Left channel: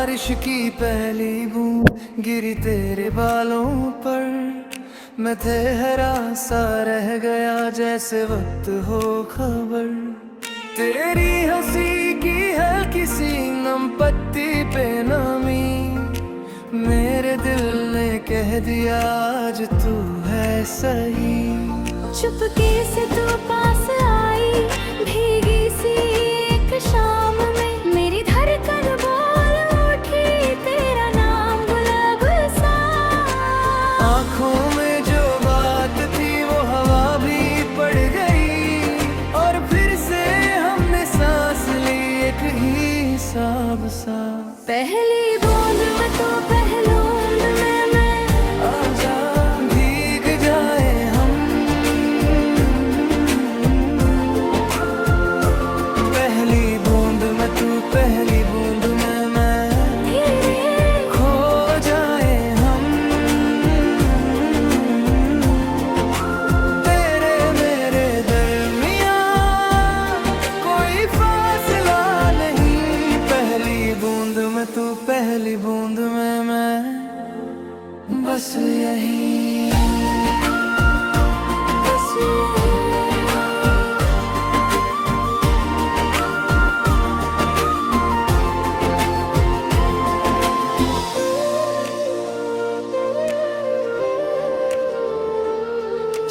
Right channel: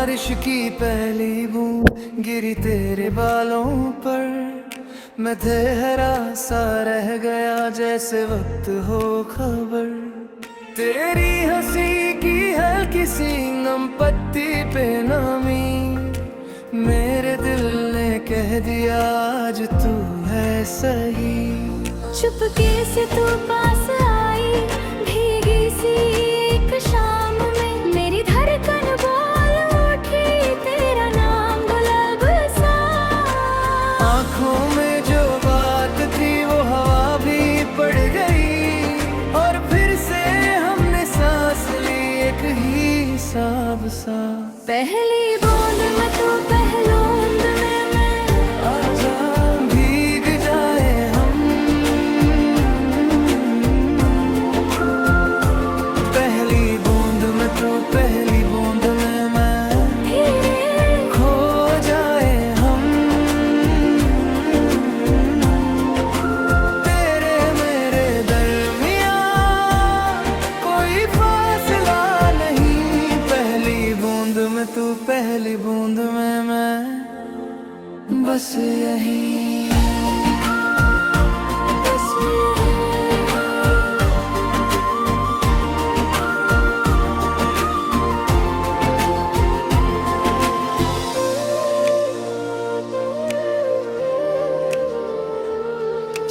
बारिश की पहली बूंद गिरी तेरे बालों पर, मैं ठहरा सा रह गया जैसे वक्त हो खबर। तेरी हंसी की हल्की सी नम पत्ती पे नमी, मेरे दिल ने कह दिया आज तू है सही। चुपके से तू पास आई भीगी सी एक शाम में, मेरी धड़कन बोल उठी तेरा नाम गुलाब सा। आँखों में जो बात थी वो हवा भी पड़ गई, और फिर से हमने सांस ली एक ही हिसाब सा। पहली बूंद में तू पहलूंद में मैं, आजा भीग जाए हम। पहली बूंद में तू पहली बूंद में मैं, धीरे खो जाए हम। तेरे मेरे दरमिया कोई फासला नहीं, पहली बूंद में तू पहली बूंद में मैं, बस यही बस यही।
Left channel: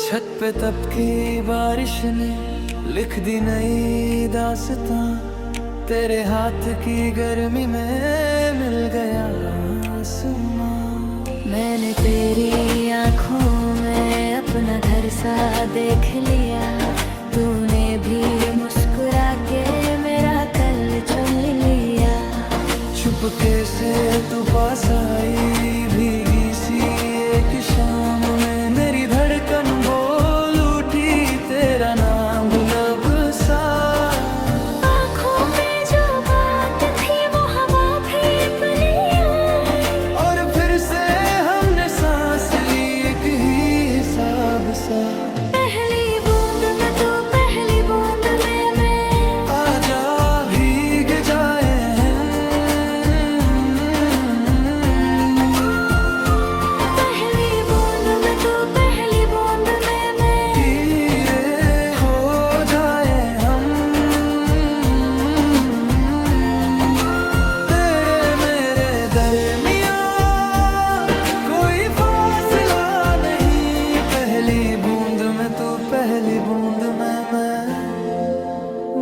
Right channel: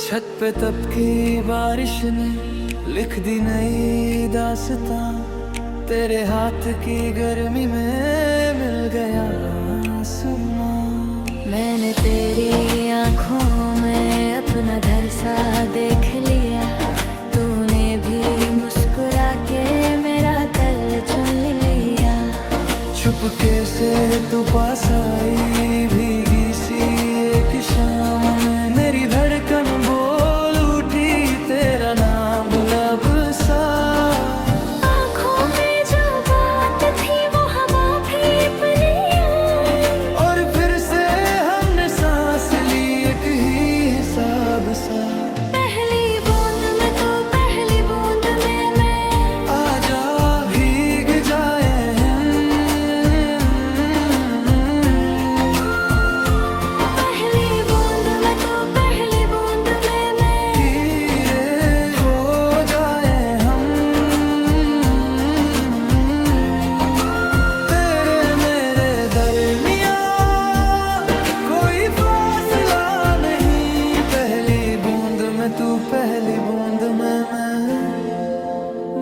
छत पे तब की बारिश ने लिख दी नई दास्तां, तेरे हाथ की गर्मी में मिल गया आसमां। मैंने तेरी आँखों में अपना घर सा देख लिया, तूने भी मुस्कुरा के मेरा कल चुन लिया। चुपके से तू पास आई भीगी सी एक शाम में, मेरी धड़कन बोल उठी तेरा नाम गुलाब सा। आँखों में जो बात थी वो हवा भी पली आई, और फिर से हमने सांस ली एक ही हिसाब सा। पहली बूंद में तू पहली बूंद में मैं, आजा भीग जाए हम। पहली बूंद में तू पहली बूंद में मैं, धीरे खो जाए हम। तेरे मेरे दरमिया कोई फासला नहीं, पहली बूंद में तू पहली बूंद में मैं,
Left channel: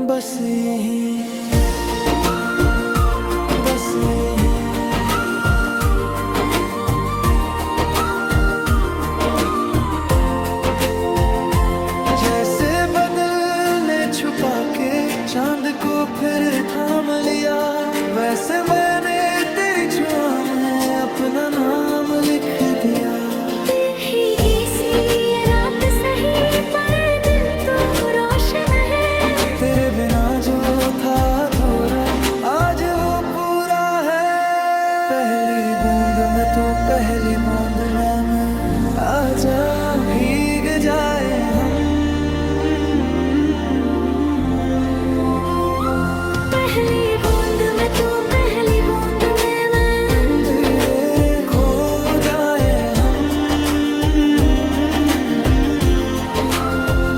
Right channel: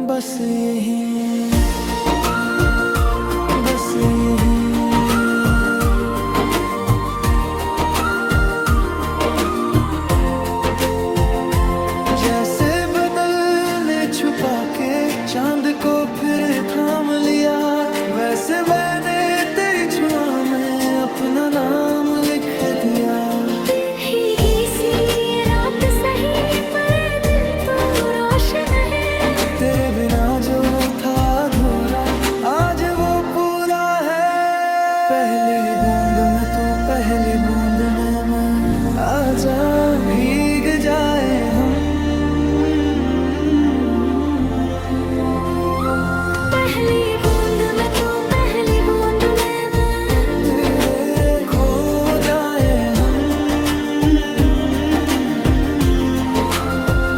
बस यही बस यही। जैसे बदल ने छुपा के चांद को फिर थाम लिया, वैसे मैंने तेरी छुआ में अपना नाम लिख दिया। भीगी सी ये रात सही पर दिल तो रोशन है, तेरे बिना जो था अधूरा आज वो पूरा है। पहली बूंद में तू पहली बूंद में मैं, आजा भीग जाए हम। पहली बूंद में तू पहली बूंद में मैं, धीरे खो जाए हम।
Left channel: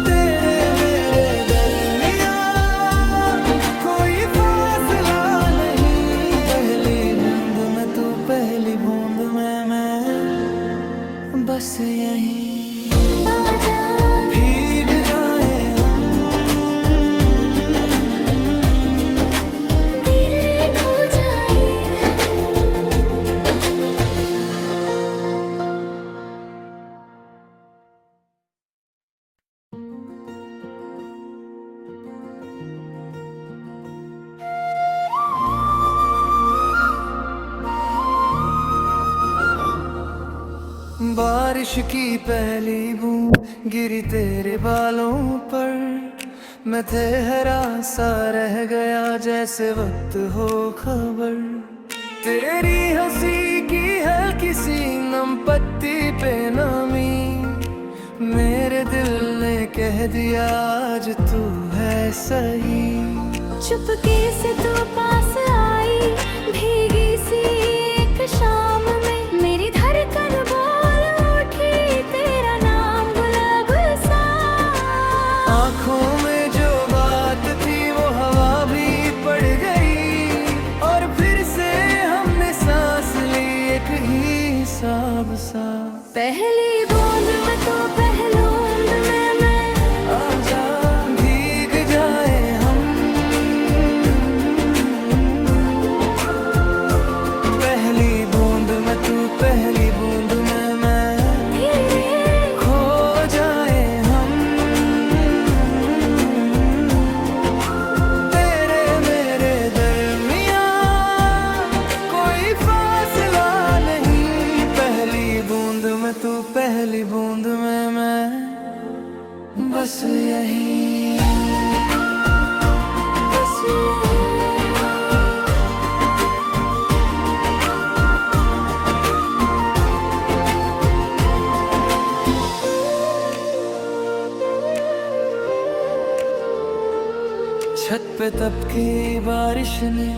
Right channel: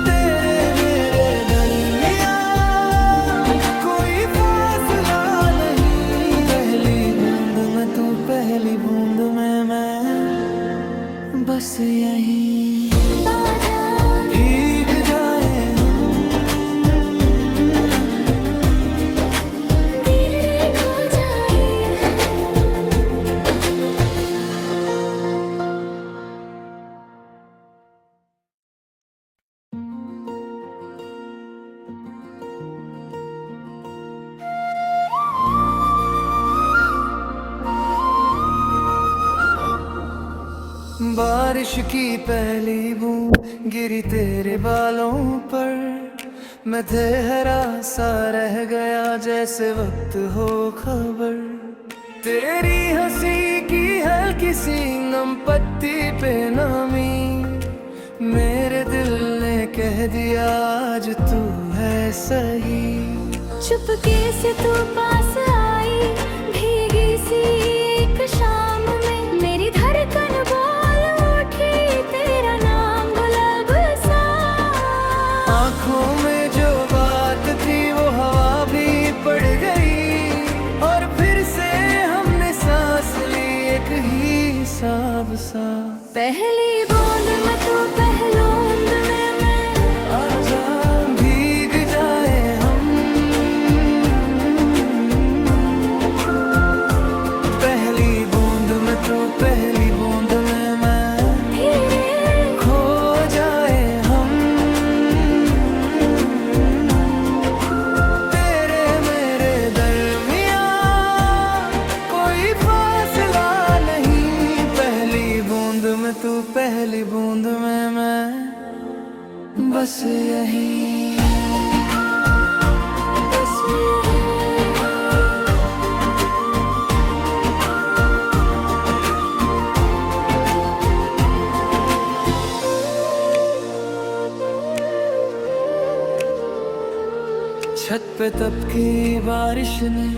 तेरे मेरे दरमिया कोई फासला नहीं, पहली बूंद में तू पहली बूंद में मैं, बस यही आजा भीग जाए हम। धीरे खो जाए। बारिश की पहली बूंद गिरी तेरे बालों पर, मैं ठहरा सा रह गया जैसे वक्त हो खबर। तेरी हंसी की हल्की सी नम पत्ती पे नमी, मेरे दिल ने कह दिया आज तू है सही। चुपके से तू पास आई भीगी सी एक शाम में मेरी धड़कन बोल उठी तेरा नाम गुलाब सा। आँखों में जो बात थी वो हवा भी पड़ गई और फिर से हमने सांस ली एक ही हिसाब सा। पहली बूंद में तू पहलूंद में मैं, आजा भीग जाए हम। पहली बूंद में तू पहली बूंद में मैं, धीरे खो जाए हम। तेरे मेरे दरमियां कोई फासला नहीं। पहली बूंद में तू पहली बूंद में मैं, बस यही बस यही। छत पे तब की बारिश ने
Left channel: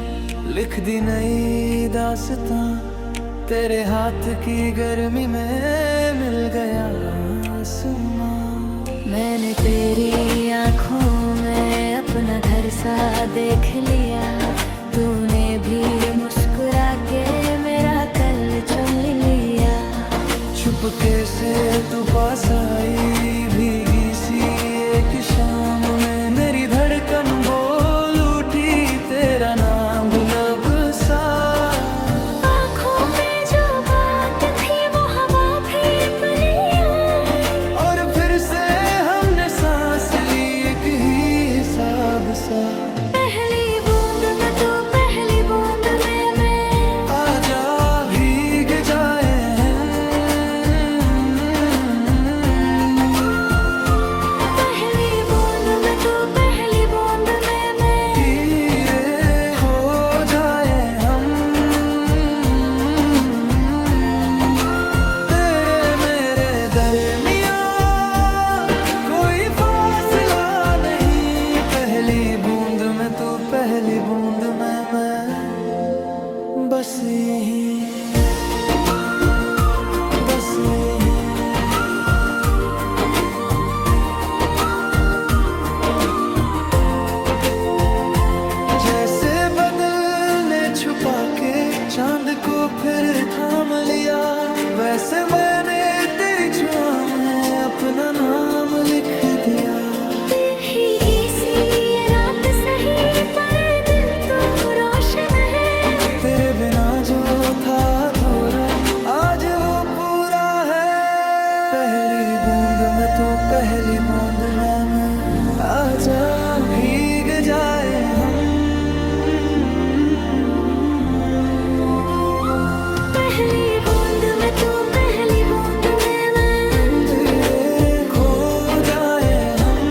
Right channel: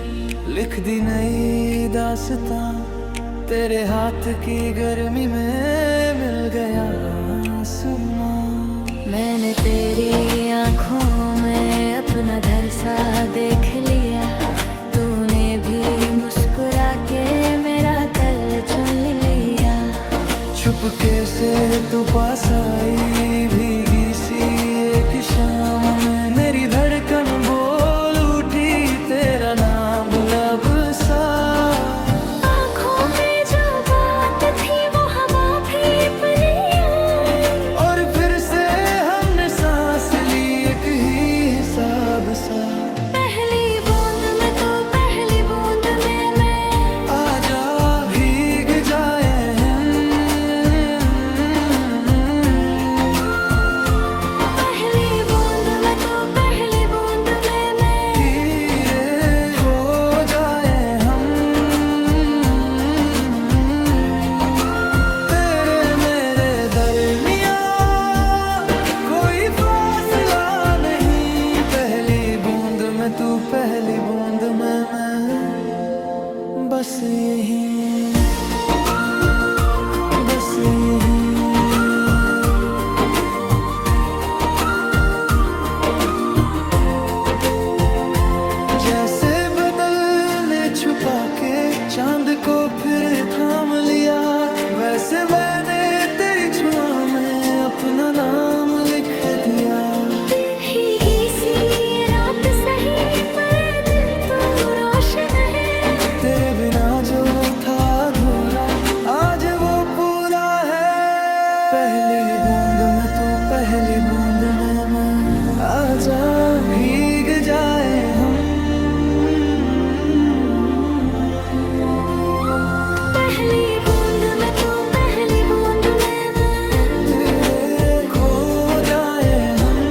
लिख दी नई दास्तां। तेरे हाथ की गर्मी में मिल गया आसमां। मैंने तेरी आँखों में अपना घर सा देख लिया, तूने भी मुस्कुरा के मेरा कल चुन लिया। चुपके से तू पास आई भीगी सी एक शाम में, मेरी धड़कन बोल उठी तेरा नाम गुलाब सा। आँखों में जो बात थी वो हवा भी बनी और फिर से हमने सांस ली एक ही हिसाब सा। पहली बूंद में तू पहली बूंद में मैं, आजा भीग जाए हम। पहली बूंद में तू पहली बूंद में मैं, धीरे खो जाए हम। तेरे मेरे दरमियां कोई फासला नहीं। पहली बूंद में तू पहली बूंद में मैं, बस यही बस यही। जैसे बदल ने छुपा के चांद को फिर थाम लिया, वैसे मैंने तेरी छुआ में अपना नाम लिख दिया। भीगी सी ये रात सही पर दिल तो रोशन है, तेरे बिना जो था अधूरा आज वो पूरा है। पहली बूंद में तू पहली बूंद में मैं, आजा भीग जाए हम। पहली बूंद में तू पहली बूंद में मैं, धीरे खो जाए हम।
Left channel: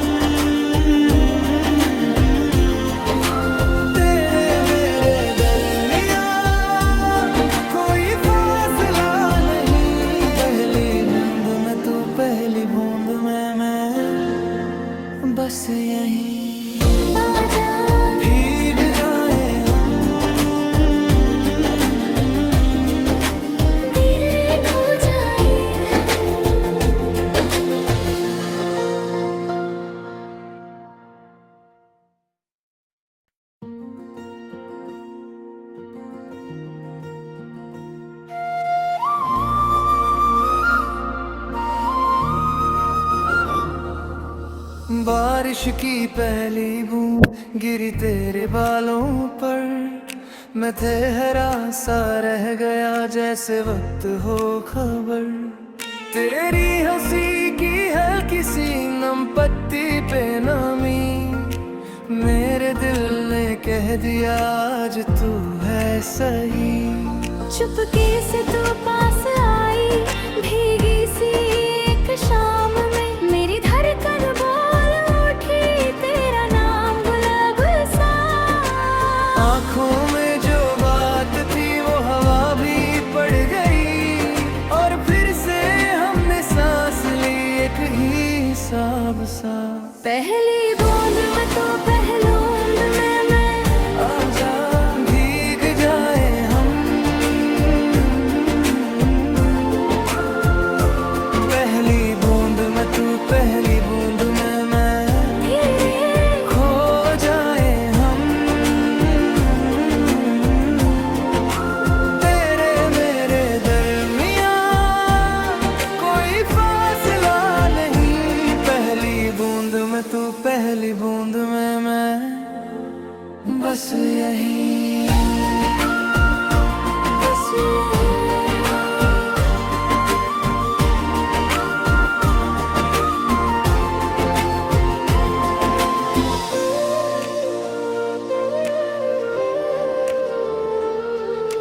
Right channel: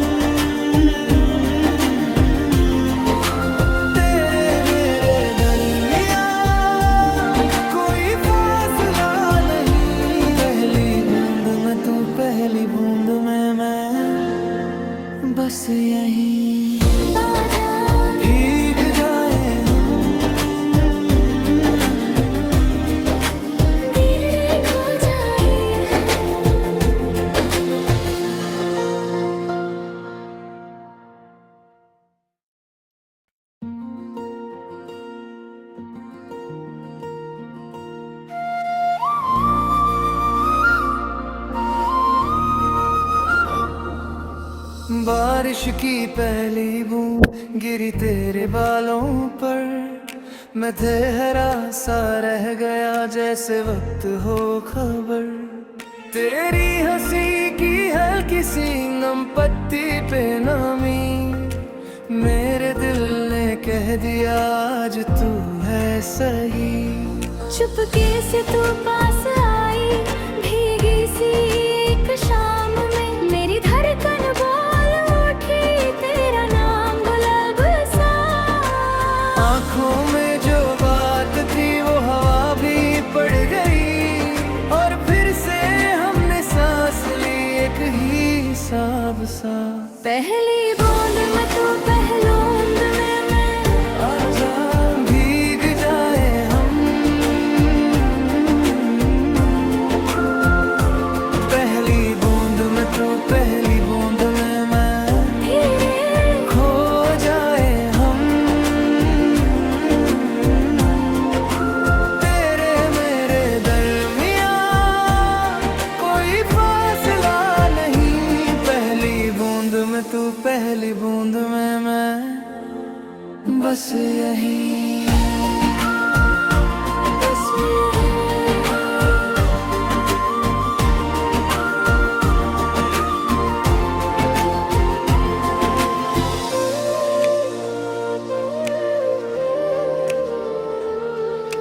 तेरे मेरे दरमियां कोई फासला नहीं। पहली बूंद में तू पहली बूंद में मैं, बस यही आजा भीग जाए हम। धीरे खो जाए। बारिश की पहली बूंद गिरी तेरे बालों पर, मैं ठहरा सा रह गया जैसे वक्त हो खबर। तेरी हंसी की हल्की सी नम पत्ती पे नामी, मेरे दिल ने कह दिया आज तू है सही। चुपके से तू पास आई भीगी सी एक शाम में, मेरी धड़कन बोल उठी तेरा नाम गुलाब सा। आँखों में जो बात थी वो हवा भी पड़ गई और फिर से हमने सांस ली एक ही हिसाब सा। पहली बूंद में तू पहलूंद में मैं, आजा भीग जाए पहली बूंद में मैं, धीरे खो जाए हम। तेरे मेरे दरमियाँ कोई फासला नहीं, पहली बूंद में तू, पहली बूंद में मैं, बस यही, बस यही।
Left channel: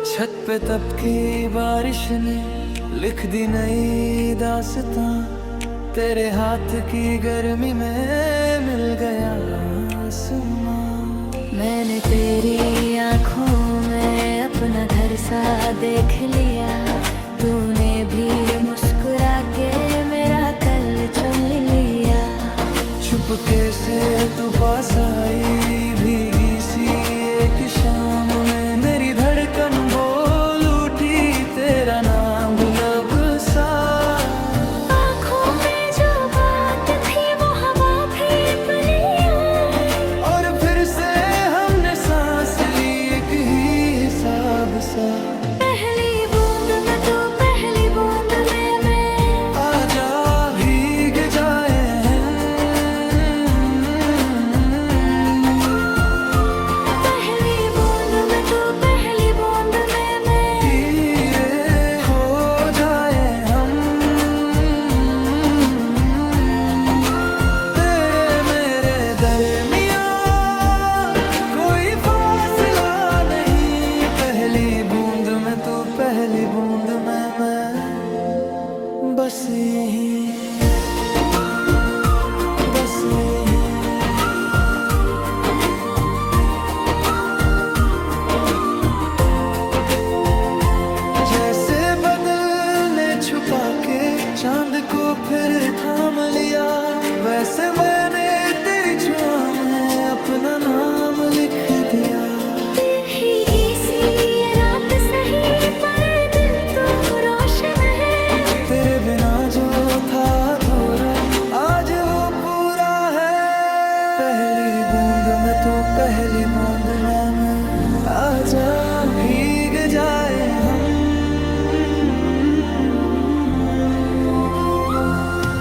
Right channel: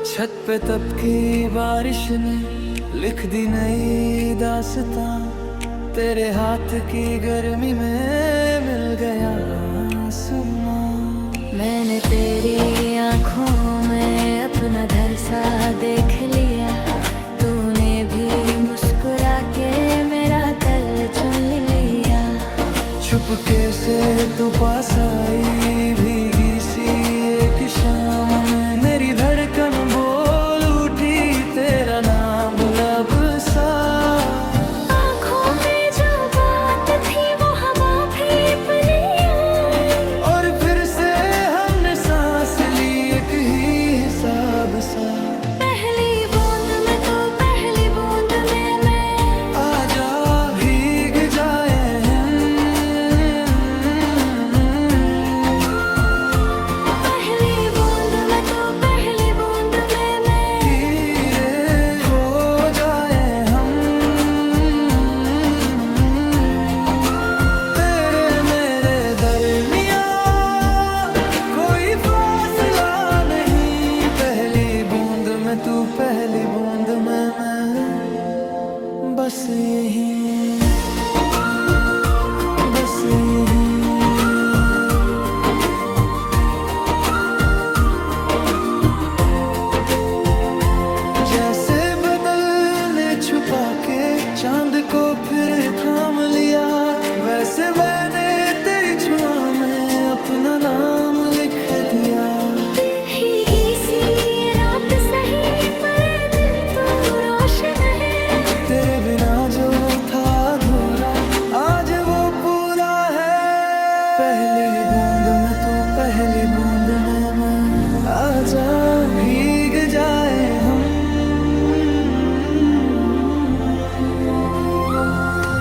छत पे तब की बारिश ने लिख दी नई दास्तां, तेरे हाथ की गर्मी में मिल गया आसमां। मैंने तेरी आँखों में अपना घर सा देख लिया, तूने भी मुस्कुरा के मेरा कल चुन लिया। चुपके से तू पास आई भीगी सी एक शाम में, मेरी धड़कन बोल उठी तेरा नाम गुलाब सा। आँखों में जो बात थी वो हवा भी बनी आई, और फिर से हमने सांस ली एक ही हिसाब सा। पहली बूंद में तू, पहली बूंद में मैं, आजा भीग जाए हम। पहली बूंद में तू, पहली बूंद में मैं, धीरे खो जाए हम। तेरे मेरे दरमियाँ कोई फासला नहीं, पहली बूंद में तू, पहली बूंद में मैं, बस यही, बस यही। जैसे बदल ने छुपा के चांद को फिर थाम लिया, वैसे मैंने तेरी छुआ में अपना नाम लिख दिया। भीगी सी ये रात सही पर दिल तो रोशन है, तेरे बिना जो था अधूरा आज वो पूरा है। पहली बूंद में तू, पहली बूंद में मैं, आजा भीग जाए हम।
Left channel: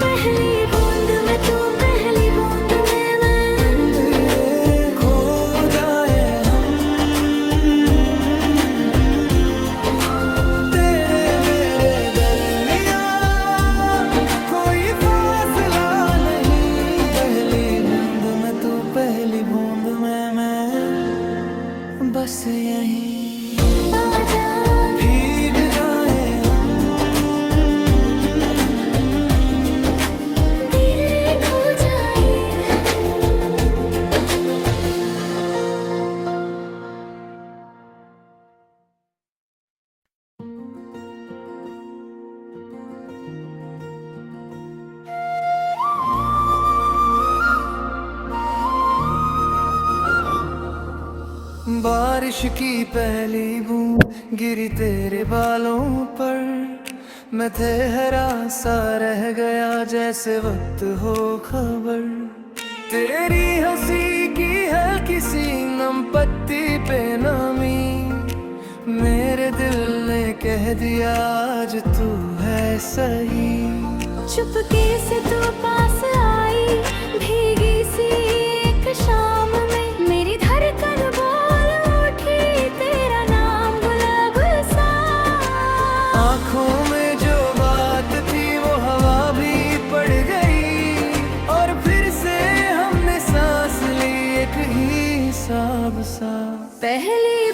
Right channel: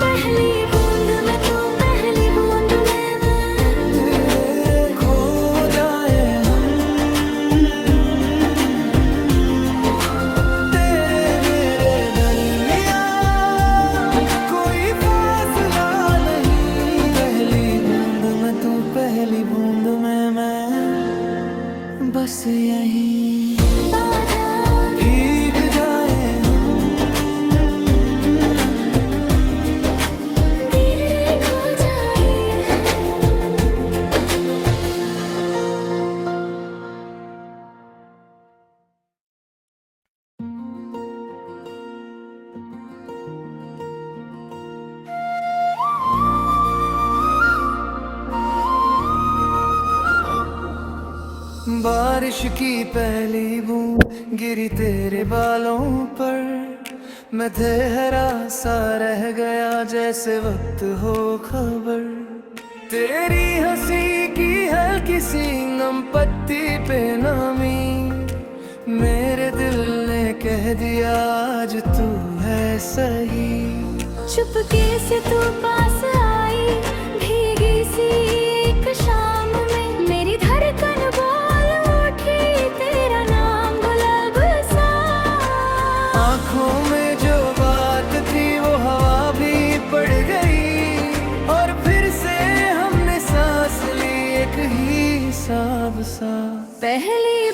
पहली बूंद में तू, पहली बूंद में मैं, धीरे खो जाए हम। तेरे मेरे दरमियाँ कोई फासला नहीं, पहली बूंद में तू, पहली बूंद में मैं, बस यही, आजा भीग जाए हम। धीरे खो जाए। बारिश की पहली बूंद गिरी तेरे बालों पर, मैं ठहरा सा रह गया जैसे वक्त हो खबर। तेरी हंसी की हल्की सी नम पत्ती पे नामी, मेरे दिल ने कह दिया आज तू है सही। चुपके से तू पास आई भीगी सी एक शाम में, मेरी धड़कन बोल उठी तेरा नाम गुलाब सा। आँखों में जो बात थी वो हवा भी पड़ गई, और फिर से हमने सांस ली एक ही हिसाब सा। पहली